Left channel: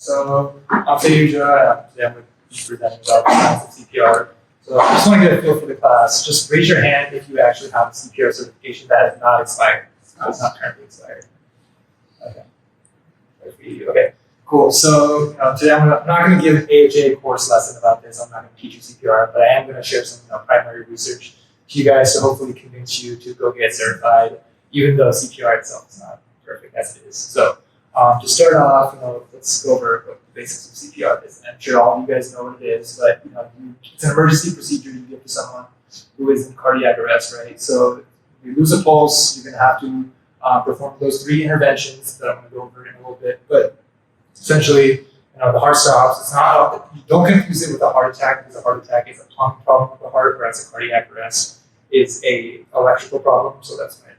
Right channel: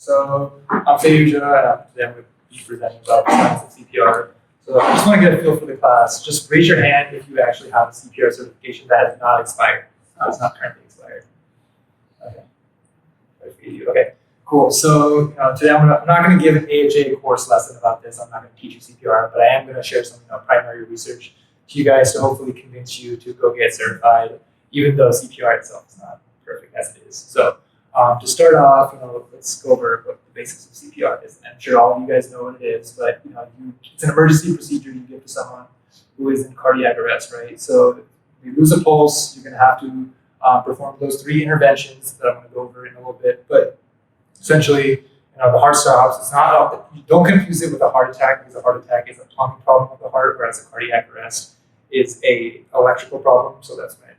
So I'm Sayujya. Today I'm going to be presenting about the science of CPR. So I just want to get a feel for the class. Just raise your hand if you actually have a CPR certification that has not expired. It's not currently expired. Okay, cool. So today I'm not going to give an AHA course lesson about this. I'm not going to teach you CPR, but I am going to share some primary research to you guys to hopefully convince you to go get certified, even though CPR itself is not perfect as it is. So to start off, let's go over what the basics of CPR is. I'm sure all of you guys know what it is, but it's an emergency procedure you give to someone who is in cardiac arrest, right? So if you lose a pulse, you're going to have to perform those 3 interventions that I'm going to go over in a little bit. But essentially, the heart stops. It's not. You don't confuse it with a heart attack, because a heart attack is a plumbing problem of the heart, whereas a cardiac arrest is a electrical problem. So that's when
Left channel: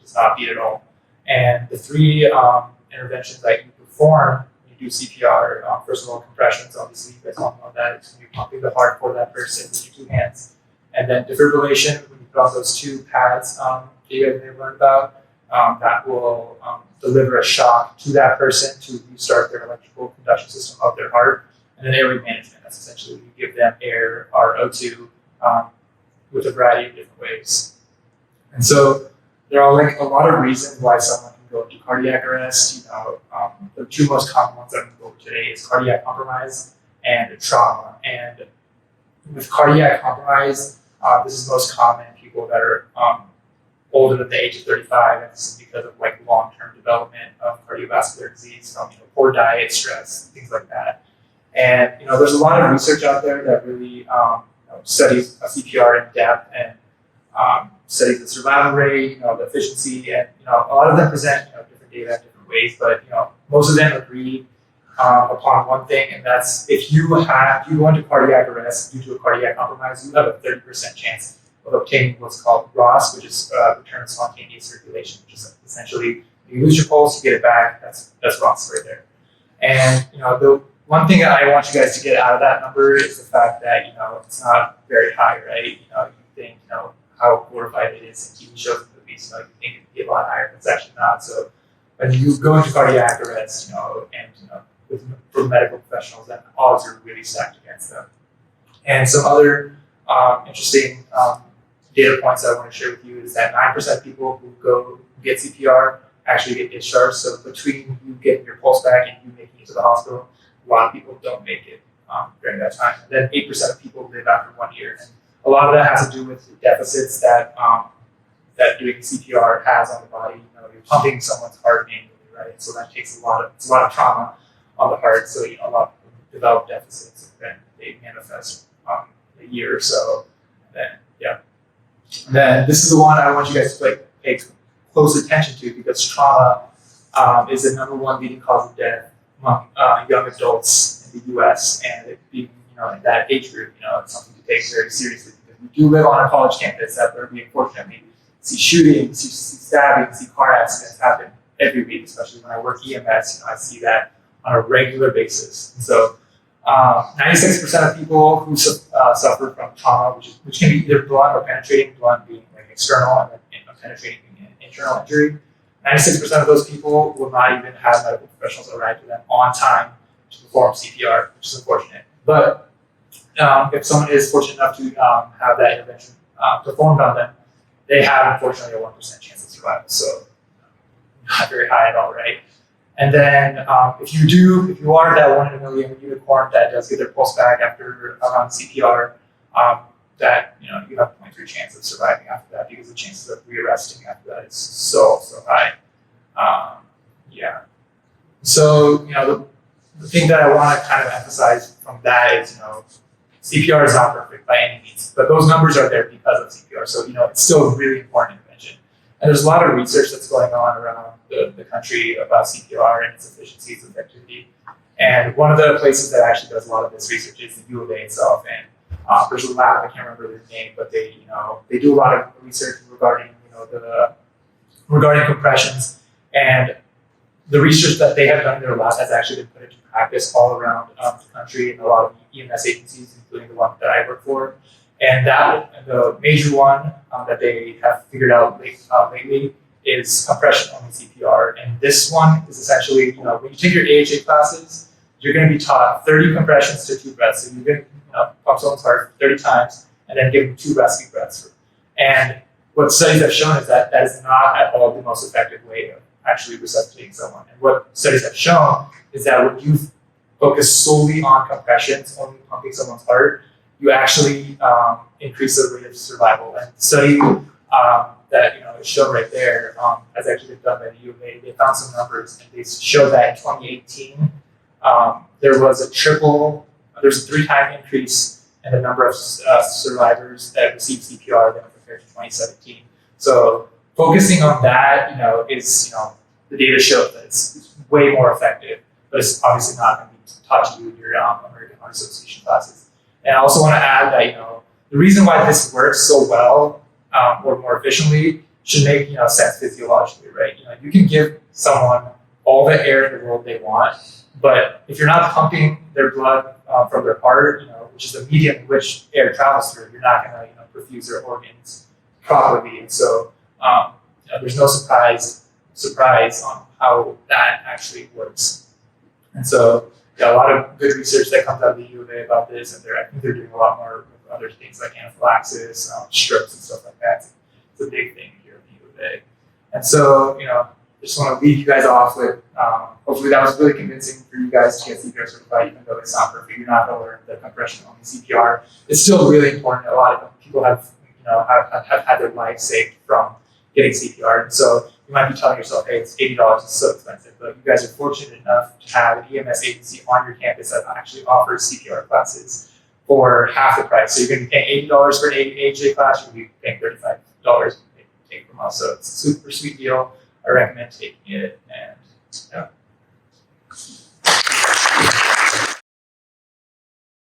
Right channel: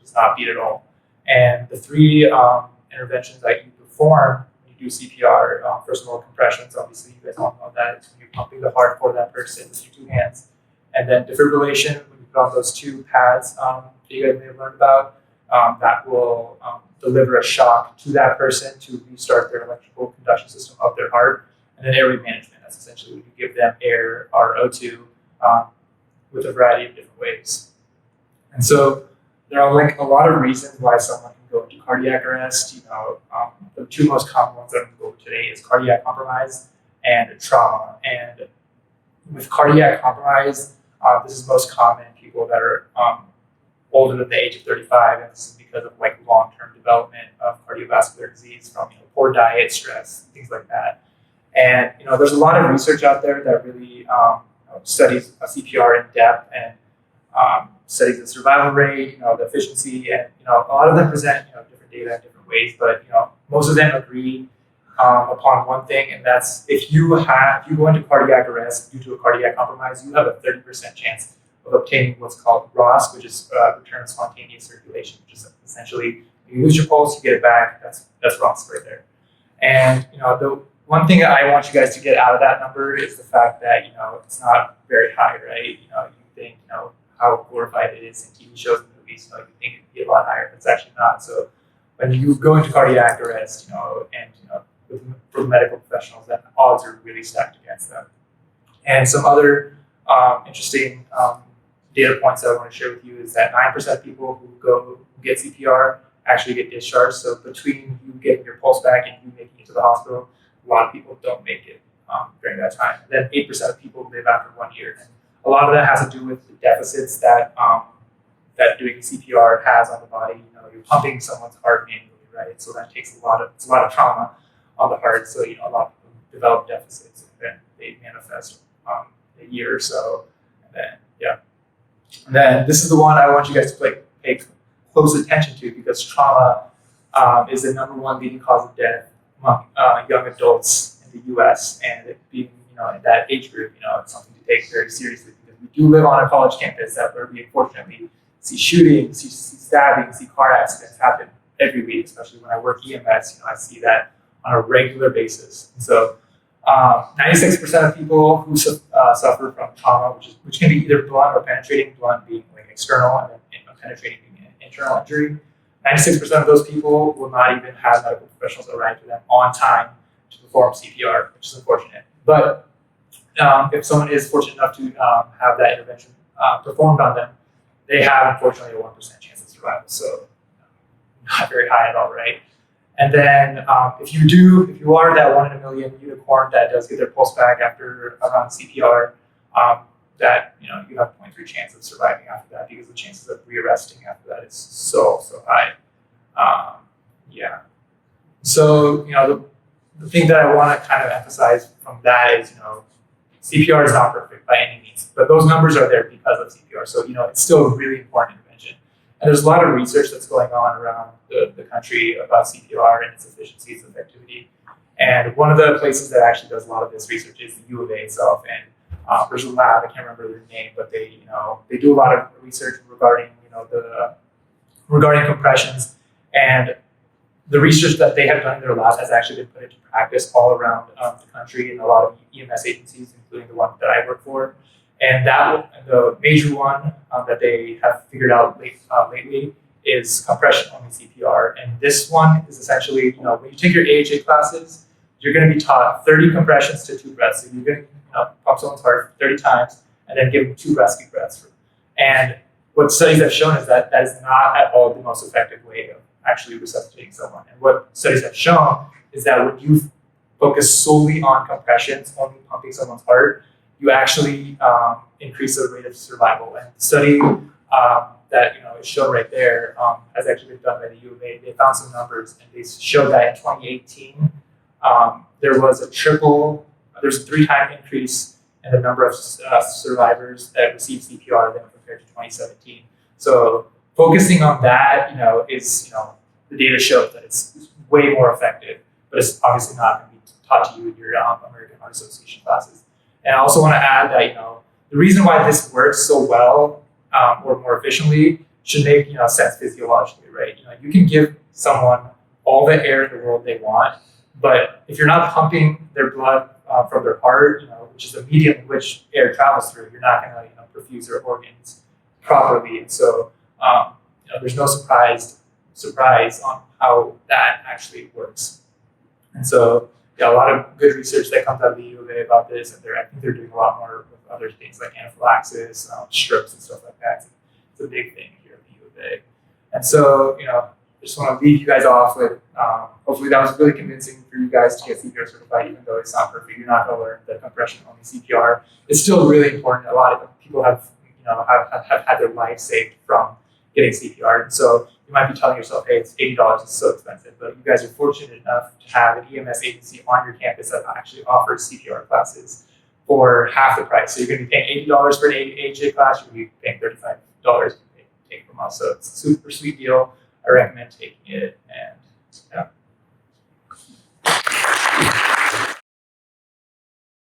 does not beat at all. And the 3 interventions that you perform when you do CPR, first of all, compressions. Obviously, you guys all know that. It's when you're pumping the heart for that person with your 2 hands. And then defibrillation, when you put on those 2 pads that you guys may have learned about, that will deliver a shock to that person to restart their electrical conduction system of their heart. And then airway management, that's essentially when you give them air or O2 with a variety of different ways. And so there are a lot of reasons why someone can go into cardiac arrest. The 2 most common ones that I'm going to go over today is cardiac compromise and trauma. And with cardiac compromise, this is most common in people that are older than the age of 35, and this is because of long-term development of cardiovascular disease from poor diet, stress, things like that. And there's a lot of research out there that really studies CPR in depth and studies the survival rate, the efficiency, and a lot of them present different data in different ways. But most of them agree upon one thing, and that's if you go into cardiac arrest due to a cardiac compromise, you have a 30% chance of obtaining what's called ROS, which is return spontaneous circulation, which is essentially you lose your pulse, you get it back. That's ROS right there. And the one thing that I want you guys to get out of that number is the fact that it's not very high, right? You think how glorified it is in TV shows and movies. You think it'd be a lot higher, but it's actually not. So when you go into cardiac arrest, for medical professionals, that odds are really stacked against them. And some other interesting data points that I want to share with you is that 9% of people who get CPR actually get discharged. So between you getting your pulse back and you making it to the hospital, a lot of people don't make it during that time. And then 8% of people live after 1 year. And a lot of that has to do with the deficits that that doing CPR has on the body. You're pumping someone's heart manually, right? So that takes a lot of trauma on the heart. So a lot of people develop deficits, and then they manifest a year or so. And then this is the one I want you guys to pay close attention to, because trauma is the #1 leading cause of death among young adults in the U.S. And it being in that age group, it's something to take very seriously, because we do live on a college campus where we unfortunately see shootings, see stabbings, see car accidents happen every week. Especially when I work EMS, I see that on a regular basis. And so 96% of people who suffer from trauma, which can be either blunt or penetrating, blunt being external and then penetrating being an internal injury, 96% of those people will not even have medical professionals arrive to them on time to perform CPR, which is unfortunate. But if someone is fortunate enough to have that intervention performed on them, they have unfortunately a 1% chance of survival. So not very high at all, right? And then if you are that 1 in a million unicorn that does get their pulse back after CPR, that you have 0.3 chance of surviving after that, because the chances of rearresting after that is so high. So the thing that I want to kind of emphasize from that is CPR is not perfect by any means, but those numbers are there because of CPR. So it's still a really important intervention. And there's a lot of research that's going on around the country about CPR and its efficiency, its effectivity. And one of the places that actually does a lot of this research is the U of A itself. And there's a lab, I can't remember their name, but they do a lot of research regarding regarding compressions. And the research that they have done in their lab has actually been put into practice all around the country in a lot of EMS agencies, including the one that I work for. And the major one that they have figured out lately is compression only CPR. And this one is essentially, when you take your AHA classes, you're going to be taught 30 compressions to 2 breaths. So you're going to pump someone's heart 30 times and then give them 2 rescue breaths. And what studies have shown is that that is not at all the most effective way of actually resuscitating someone. And what studies have shown is that when you focus solely on compressions, only pumping someone's heart, you actually increase the rate of survival. And the study that is shown right there has actually been done by the U of A. They found some numbers and they showed that in 2018 there was a 3-time increase in the number of survivors that received CPR than compared to 2017. So focusing on that, is the data shows that it's way more effective, but it's obviously not going to be taught to you in your American Heart Association classes. And I also want to add that the reason why this works so well or more efficiently should make sense physiologically, right? You can give someone all the air in the world they want, but if you're not pumping their blood from their heart, which is the medium in which air travels through, you're not going to perfuse their organs properly. And so there's no surprise on how that actually works. And so a lot of good research that comes out of the U of A about this, and I think they're doing a lot more with other things like anaphylaxis, strips, and stuff like that. It's a big thing here at the U of A. And so, just want to leave you guys off with, hopefully that was really convincing for you guys to get CPR certified, even though it's not perfect. You're not going to learn the compression-only CPR. It's still really important. A lot of people have had their life saved from getting CPR. And so you might be telling yourself, hey, it's $80, it's so expensive. But you guys are fortunate enough to have an EMS agency on your campus that actually offers CPR classes for half the price. So you're going to be paying $80 for an AJ class, you're going to be paying $35 to take from us. So it's a super sweet deal. I recommend taking it. And yeah.